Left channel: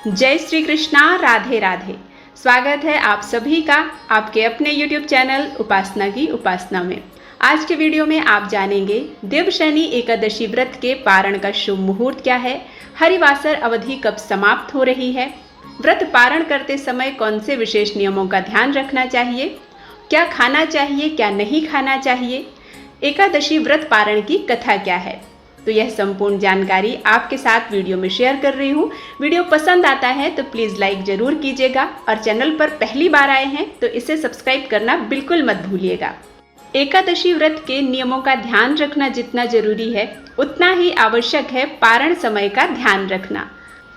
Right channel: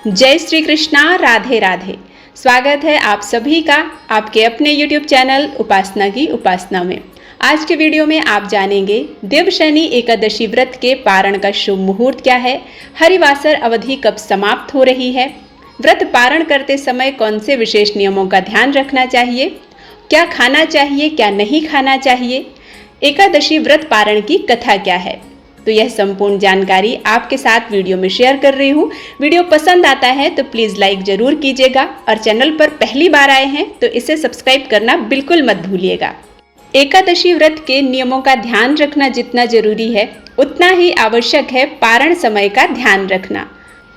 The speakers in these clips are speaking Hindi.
जय श्री कृष्णा, राधे राधे। स्वागत है आप सभी का आपके अपने YouTube चैनल उपासना की उपासना में। आज के वीडियो में आप जानेंगे देवशयनी एकादशी व्रत के पारण का शुभ मुहूर्त क्या है, हरिवासर अवधि कब समाप्त हो रही है, व्रत पारण करते समय कौन से विशेष नियमों का ध्यान रखना चाहिए, क्या खाना चाहिए क्या नहीं खाना चाहिए, एकादशी व्रत पारण की कथा क्या है। तो यह संपूर्ण जानकारी आपके साथ वीडियो में शेयर कर रही हूँ। वीडियो पसंद आता है तो प्लीज़ लाइक ज़रूर कीजिएगा और चैनल पर पहली बार आए हैं तो इसे सब्सक्राइब करना बिल्कुल मत भूलिएगा। एकादशी व्रत के नियमों का ध्यान रखना जितना जरूरी है उतना ही आवश्यक है पारण समय का ध्यान रखना।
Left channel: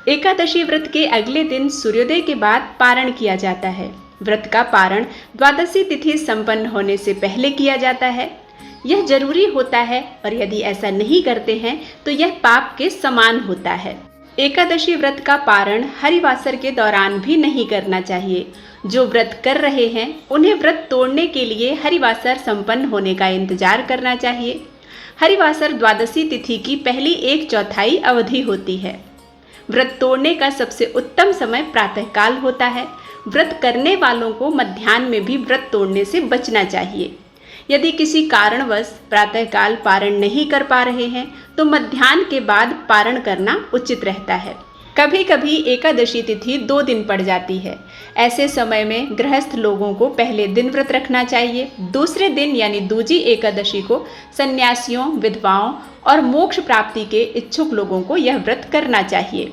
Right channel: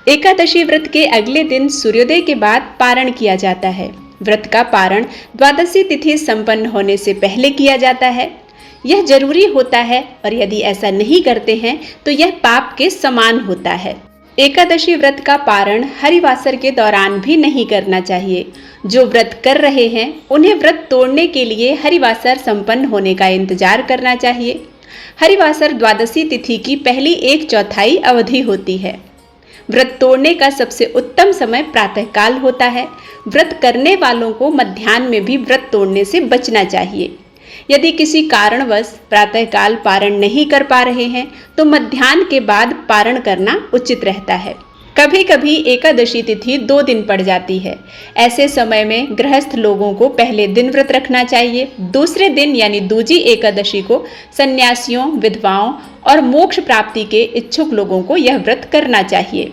एकादशी व्रत के अगले दिन सूर्योदय के बाद पारण किया जाता है। व्रत का पारण द्वादशी तिथि संपन्न होने से पहले किया जाता है। यह जरूरी होता है और यदि ऐसा नहीं करते हैं तो यह पाप के समान होता है। एकादशी व्रत का पारण हरिवासर के दौरान भी नहीं करना चाहिए। जो व्रत कर रहे हैं उन्हें व्रत तोड़ने के लिए हरिवासर संपन्न होने का इंतजार करना चाहिए। हरिवासर द्वादशी तिथि की पहली 1/4 अवधि होती है। व्रत तोड़ने का सबसे उत्तम समय प्रातःकाल होता है। व्रत करने वालों को मध्याह्न में भी व्रत तोड़ने से बचना चाहिए। यदि किसी कारणवश प्रातःकाल पारण नहीं कर पा रहे हैं तो मध्याह्न के बाद पारण करना उचित रहता है। कभी कभी एकादशी तिथि 2 दिन पड़ जाती है। ऐसे समय में गृहस्थ लोगों को पहले दिन व्रत रखना चाहिए। दूसरे दिन यानी दूजी एकादशी को सन्यासियों, विधवाओं और मोक्ष प्राप्ति के इच्छुक लोगों को यह व्रत करना चाहिए।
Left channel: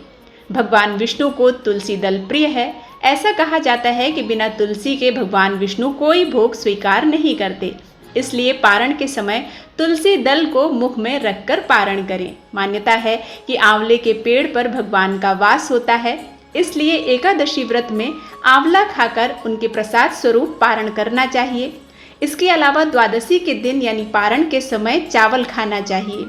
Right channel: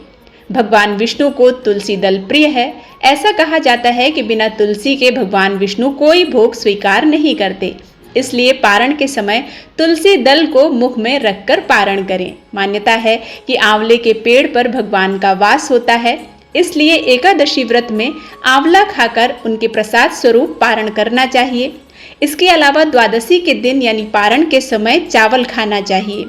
भगवान विष्णु को तुलसी दल प्रिय है। ऐसा कहा जाता है कि बिना तुलसी के भगवान विष्णु कोई भोग स्वीकार नहीं करते। इसलिए पारण के समय तुलसी दल को मुख में रखकर पारण करें। मान्यता है कि आंवले के पेड़ पर भगवान का वास होता है, इसलिए एकादशी व्रत में आंवला खाकर उनके प्रसाद स्वरूप पारण करना चाहिए। इसके अलावा द्वादशी के दिन यानी पारण के समय चावल खाना चाहिए।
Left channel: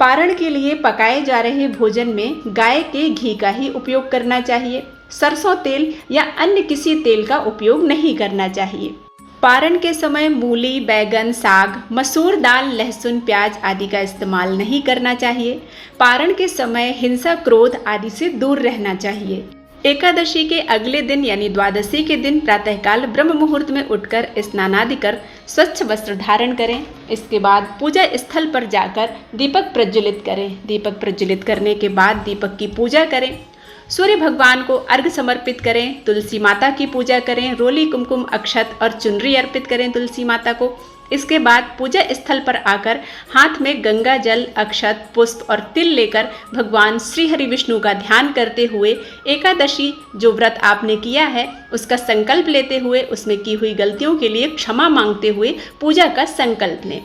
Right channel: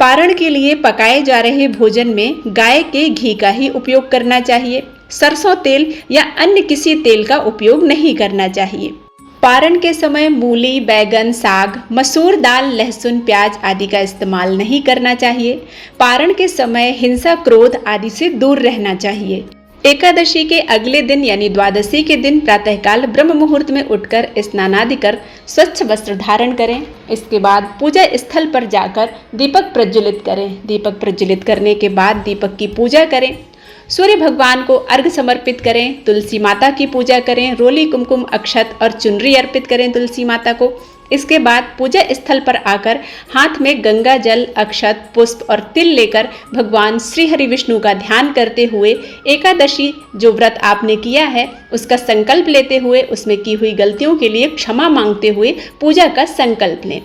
पारण के लिए पकाए जा रहे भोजन में गाय के घी का ही उपयोग करना चाहिए। सरसों तेल या अन्य किसी तेल का उपयोग नहीं करना चाहिए। पारण के समय मूली, बैगन, साग, मसूर दाल, लहसुन, प्याज आदि का इस्तेमाल नहीं करना चाहिए। पारण के समय हिंसा, क्रोध आदि से दूर रहना चाहिए। एकादशी के अगले दिन यानी द्वादशी के दिन प्रातःकाल ब्रह्म मुहूर्त में उठकर स्नानादि कर स्वच्छ वस्त्र धारण करें। इसके बाद पूजा स्थल पर जाकर दीपक प्रज्वलित करें। दीपक प्रज्वलित करने के बाद दीपक की पूजा करें। सूर्य भगवान को अर्घ्य समर्पित करें। तुलसी माता की पूजा करें। रोली, कुमकुम, अक्षत और चुनरी अर्पित करें तुलसी माता को। इसके बाद पूजा स्थल पर आकर हाथ में गंगा जल, अक्षत, पुष्प और तिल लेकर भगवान श्री हरि विष्णु का ध्यान करते हुए एकादशी जो व्रत आपने किया है उसका संकल्प लेते हुए उसमें की हुई गलतियों के लिए क्षमा मांगते हुए पूजा का संकल्प लें।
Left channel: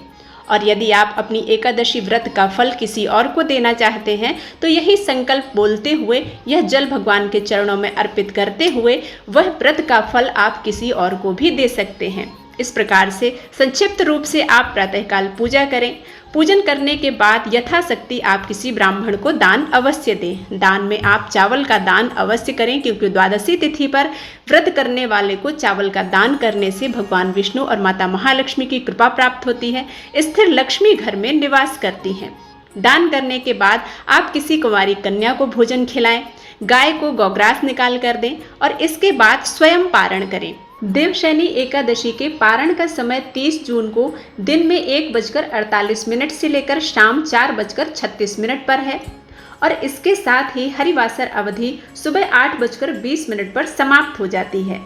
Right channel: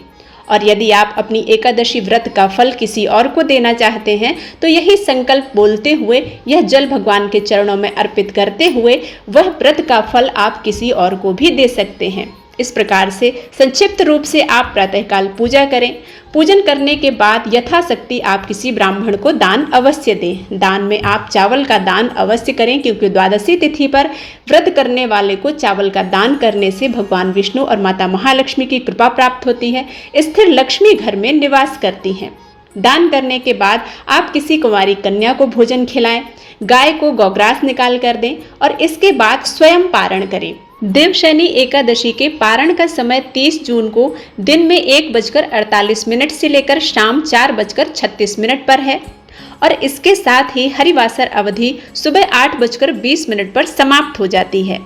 और यदि आप अपनी एकादशी व्रत का फल किसी और को देना चाहते हैं तो यही संकल्प बोलते हुए यह जल भगवान के चरणों में अर्पित करते हुए वह व्रत का फल आप किसी और को भी दे सकते हैं। इस प्रकार से संक्षिप्त रूप से आप प्रातःकाल पूजा करें। पूजन करने के बाद यथाशक्ति आप किसी ब्राह्मण को दान अवश्य दें। दान में आप चावल का दान अवश्य करें, क्योंकि द्वादशी तिथि पर व्रत करने वाले को चावल का दान करने से भगवान विष्णु और माता महालक्ष्मी की कृपा प्राप्त होती है। स्थिर लक्ष्मी घर में निवास करती हैं। दान करने के बाद आप किसी कुंवारी कन्या को भोजन खिलाएं। गाय को गौग्रास निकाल कर दें और इसके बाद स्वयं पारण करें। देवशयनी एकादशी के पारण का समय 30 जून को दिन में 1:48 से लेकर शाम 4:36 पर है और इसके साथ ही हरिवासर अवधि सुबह 8:20 पर समाप्त हो जाती है।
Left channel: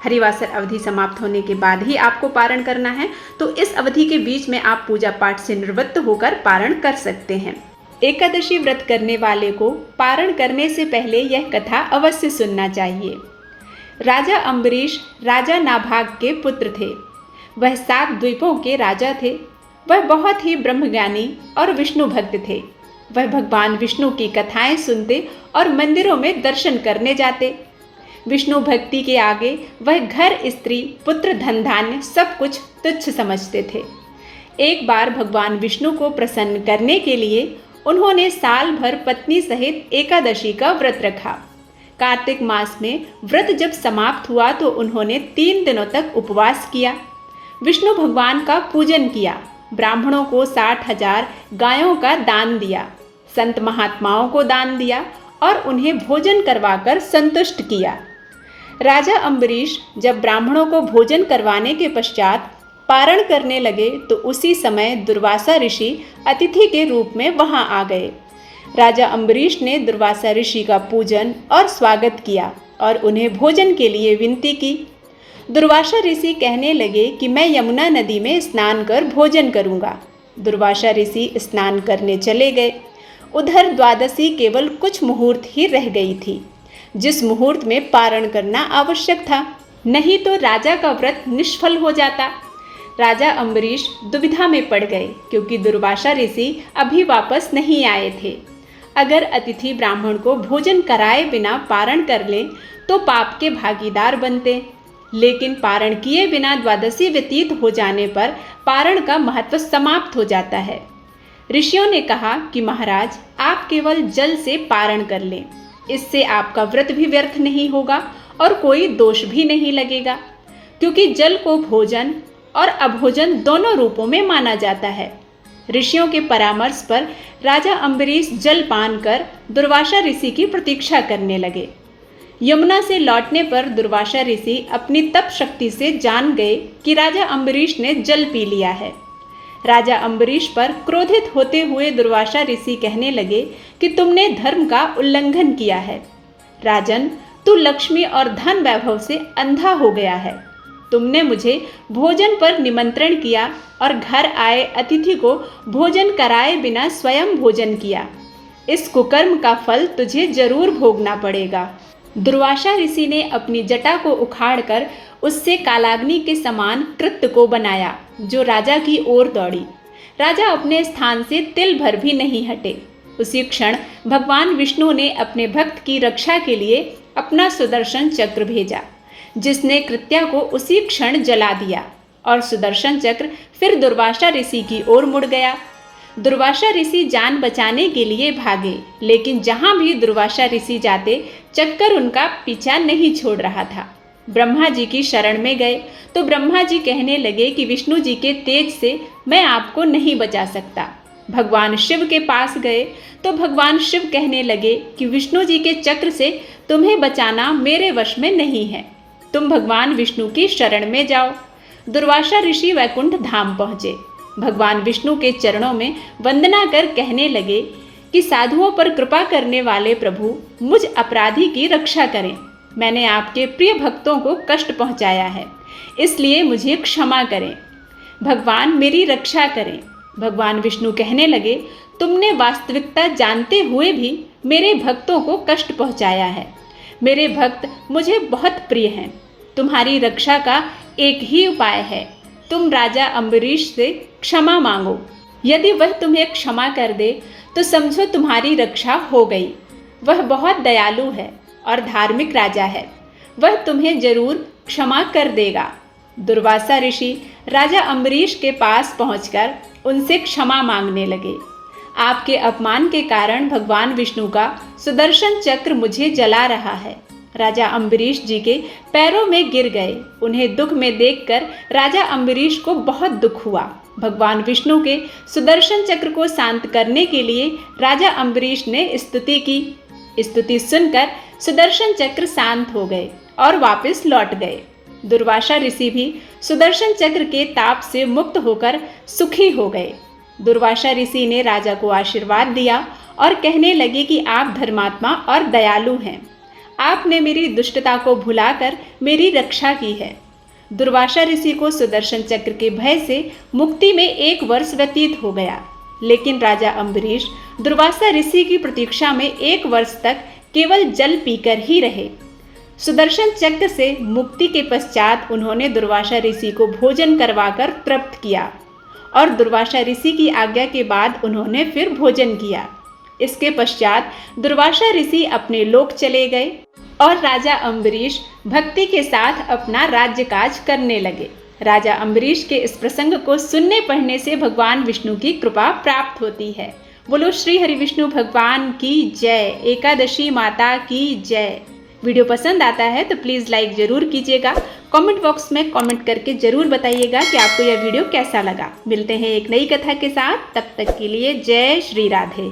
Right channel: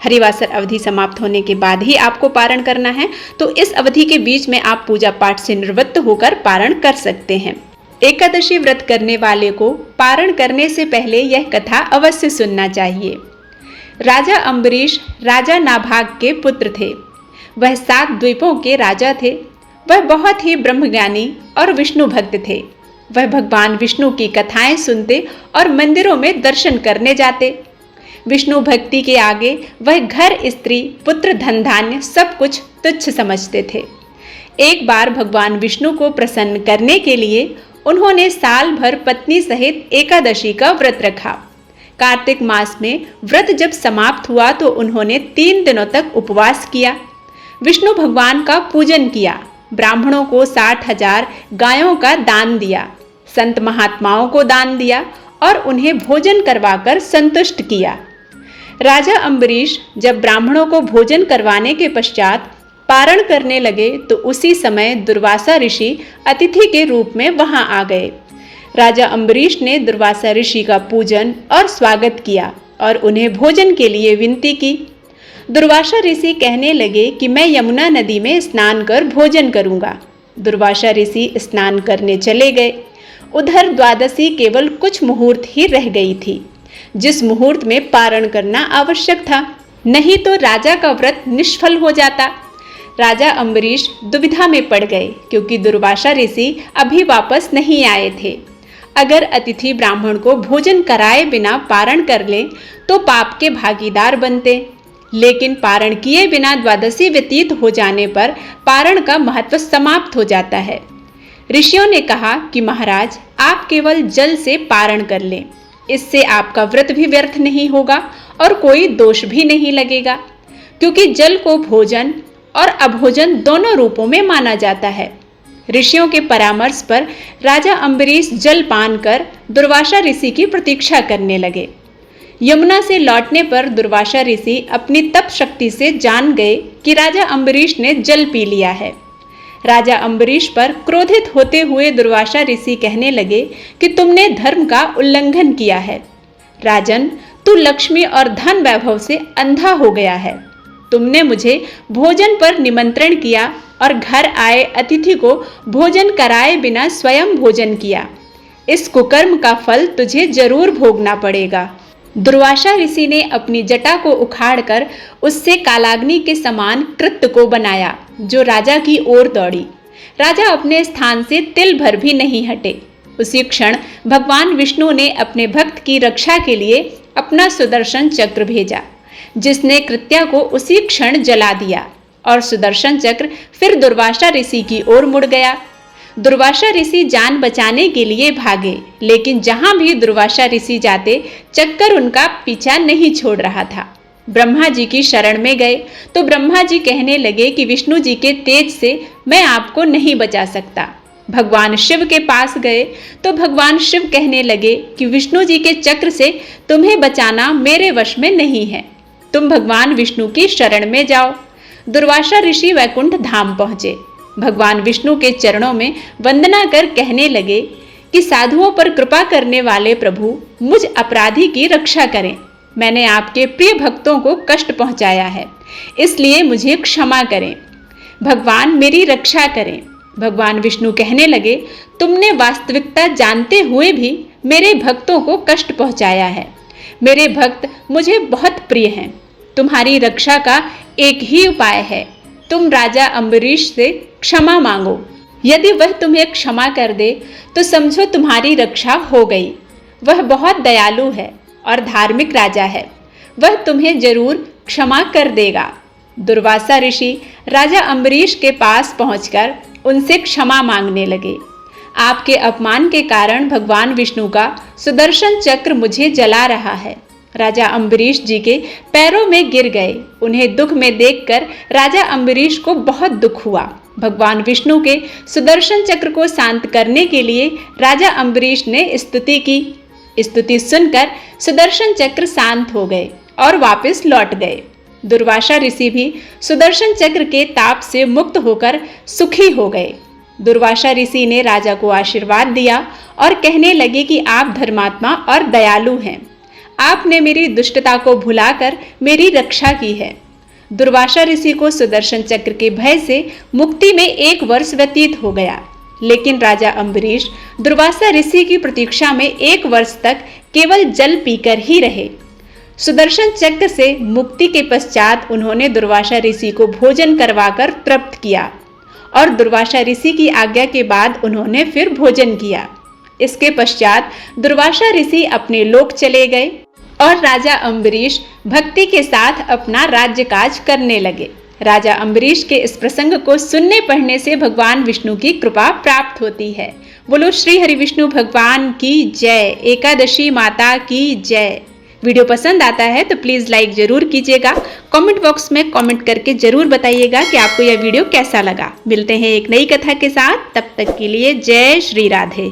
हरिवासर अवधि समाप्त होने के बाद ही आपको पारण करना है, तो इस अवधि के बीच में आप पूजा पाठ से निवृत्त होकर पारण कर सकते हैं। एकादशी व्रत करने वाले को पारण करने से पहले यह कथा अवश्य सुनना चाहिए। राजा अम्बरीश राजा नाभाग के पुत्र थे। वह 7 द्वीपों के राजा थे। वह बहुत ही ब्रह्मज्ञानी और विष्णु भक्त थे। वह भगवान विष्णु की कथाएं सुनते और मंदिरों में दर्शन करने जाते। विष्णु भक्ति के आगे वह घर, स्त्री, पुत्र, धन धान्य सब कुछ तुच्छ समझते थे। एक बार भगवान विष्णु को प्रसन्न करने के लिए उन्होंने साल भर पत्नी सहित एकादशी का व्रत रखा। कार्तिक मास में व्रत जब समाप्त हुआ तो उन्होंने 3 दिनों तक उपवास किया। विष्णु भगवान का पूजन किया। ब्राह्मणों को 60,000 गायों का दान दिया। संत महात्माओं को दान दिया और उन्हें भोजन करवाकर संतुष्ट किया। राजा अम्बरीश जब ब्राह्मणों को भोजन करवाने के पश्चात पारण करने लगे तो उसी समय दुर्वासा ऋषि अतिथि के रूप में वहां आ गए। राजा अम्बरीश ने दुर्वासा ऋषि का पूजन और स्वागत किया और उन्हें भोजन के लिए विनती की। दुर्वासा ऋषि कहने लगे कि मैं यमुना नदी में स्नान कर भोजन करूंगा। दुर्वासा ऋषि स्नान करने चले गए। उधर द्वादशी केवल कुछ मुहूर्त ही रह गई थी, जिस मुहूर्त में पारण करना आवश्यक था, नहीं तो राजा का व्रत निष्फल हो जाता। राजा अम्बरीश दुविधा में पड़ गए क्योंकि दुर्वासा ऋषि अभी वापस नहीं आए थे। अगर अतिथि ब्राह्मण को भोजन कराए बिना पारण कर ले तो पाप के भागीदार बनते, लेकिन पारण किए बिना द्वादशी व्यतीत हो जाने पर पारण का महत्व समाप्त हो जाता है। ऋषियों ने कहा कि महाराज, आप केवल जल से पारण कर लें, इससे आपका व्रत भी व्यर्थ नहीं होगा और कोई दोष भी नहीं लगेगा, क्योंकि जल को भोजन और अभोजन दोनों रूपों में माना जाता है। ऋषियों के परामर्श पर राजा अम्बरीश जल पान कर दुर्वासा ऋषि की प्रतीक्षा करने लगे। यमुना से लौटने पर दुर्वासा ऋषि अपनी तप शक्ति से जान गए कि राजा अम्बरीश ने जल पी लिया है। राजा अम्बरीश पर क्रोधित होते हुए दुर्वासा ऋषि कहने लगे कि तुमने धर्म का उल्लंघन किया है। राजन, तू लक्ष्मी और धन वैभव से अंधा हो गया है। तुमने मुझे भोजन पर निमंत्रण किया और घर आए अतिथि को भोजन कराए बिना स्वयं भोजन किया। इस कुकर्म का फल तुझे जरूर भोगना पड़ेगा। दुर्वासा ऋषि ने अपनी जटा को उखाड़कर उससे कालाग्नि के समान कृत्य को बनाया, जो राजा की ओर दौड़ी। राजा अपने स्थान से तिल भर भी नहीं हटे। उसी क्षण भगवान विष्णु ने अपने भक्त की रक्षा के लिए अपना सुदर्शन चक्र भेजा, जिसने कृत्या को उसी क्षण जला दिया और सुदर्शन चक्र फिर दुर्वासा ऋषि की ओर मुड़ गया। दुर्वासा ऋषि जान बचाने के लिए भागे, लेकिन जहां भी दुर्वासा ऋषि जाते चक्कर उनका पीछा नहीं छोड़ रहा था। ब्रह्मा जी की शरण में गए तो ब्रह्मा जी कहने लगे कि विष्णु जी के तेज से मैं आपको नहीं बचा सकता। भगवान शिव के पास गए तो भगवान शिव कहने लगे कि विष्णु जी के चक्र से तुम्हें बचाना मेरे वश में नहीं है, तुम भगवान विष्णु की शरण में जाओ। दुर्वासा ऋषि वैकुंठ धाम पहुंचे। भगवान विष्णु के चरणों में वंदना कर कहने लगे कि साधुओं पर कृपा करने वाले प्रभु, मुझ अपराधी की रक्षा करें। मैंने आपके प्रिय भक्तों को कष्ट पहुंचाया है, इसलिए मुझे क्षमा करें। भगवान मेरी रक्षा करें। भगवान विष्णु कहने लगे, तुमने वास्तविकता जानते हुए भी मेरे भक्तों को कष्ट पहुंचाया है। मेरे भक्त मुझे बहुत प्रिय हैं। तुम्हारी रक्षा का एक ही उपाय है, तुम राजा अम्बरीश से क्षमा मांगो। यदि वह तुम्हें क्षमा कर दे तो समझो तुम्हारी रक्षा हो गई। वह बहुत दयालु है और धार्मिक राजा है, वह तुम्हें जरूर क्षमा कर देगा। दुर्वासा ऋषि राजा अम्बरीश के पास पहुंचकर उनसे क्षमा मांगने लगे। आपके अपमान के कारण भगवान विष्णु का सुदर्शन चक्र मुझे जला रहा है। राजा अम्बरीश जी के पैरों में गिर गए। उन्हें दुख में देखकर राजा अम्बरीश को बहुत दुख हुआ। भगवान विष्णु के सुदर्शन चक्र को शांत करने के लिए राजा अम्बरीश ने स्तुति की। स्तुति सुनकर सुदर्शन चक्र शांत हो गए और वापस लौट गए। दुर्वासा ऋषि भी सुदर्शन चक्र के ताप से मुक्त होकर सुखी हो गए। दुर्वासा ऋषि ने राजा को आशीर्वाद दिया और कहने लगे कि आप धर्मात्मा और दयालु हैं। आपने मेरी दुष्टता को भुलाकर मेरी रक्षा की है। दुर्वासा ऋषि को सुदर्शन चक्र के भय से मुक्ति में 1 वर्ष व्यतीत हो गया, लेकिन राजा अम्बरीश दुर्वासा ऋषि की प्रतीक्षा में 1 वर्ष तक केवल जल पीकर ही रहे। सुदर्शन चक्र से मुक्ति के पश्चात उन्होंने दुर्वासा ऋषि को भोजन करवाकर तृप्त किया और दुर्वासा ऋषि की आज्ञा के बाद उन्होंने फिर भोजन किया। इसके पश्चात दुर्वासा ऋषि अपने लोक चले गए और राजा अम्बरीश भक्ति के साथ अपना राज्य काज करने लगे। राजा अम्बरीश के इस प्रसंग को सुनने पढ़ने से भगवान विष्णु की कृपा प्राप्त होती है। बोलो श्री हरि विष्णु भगवान की जय। एकादशी माता की जय। वीडियो पसंद आता है तो प्लीज़ लाइक जरूर कीजिएगा। कमेंट बॉक्स में कमेंट करके जरूर बताइएगा कि आपको यह वीडियो कैसा लगा। मिलते हैं एक नई कथा के साथ, तब तक के लिए जय श्री राधे।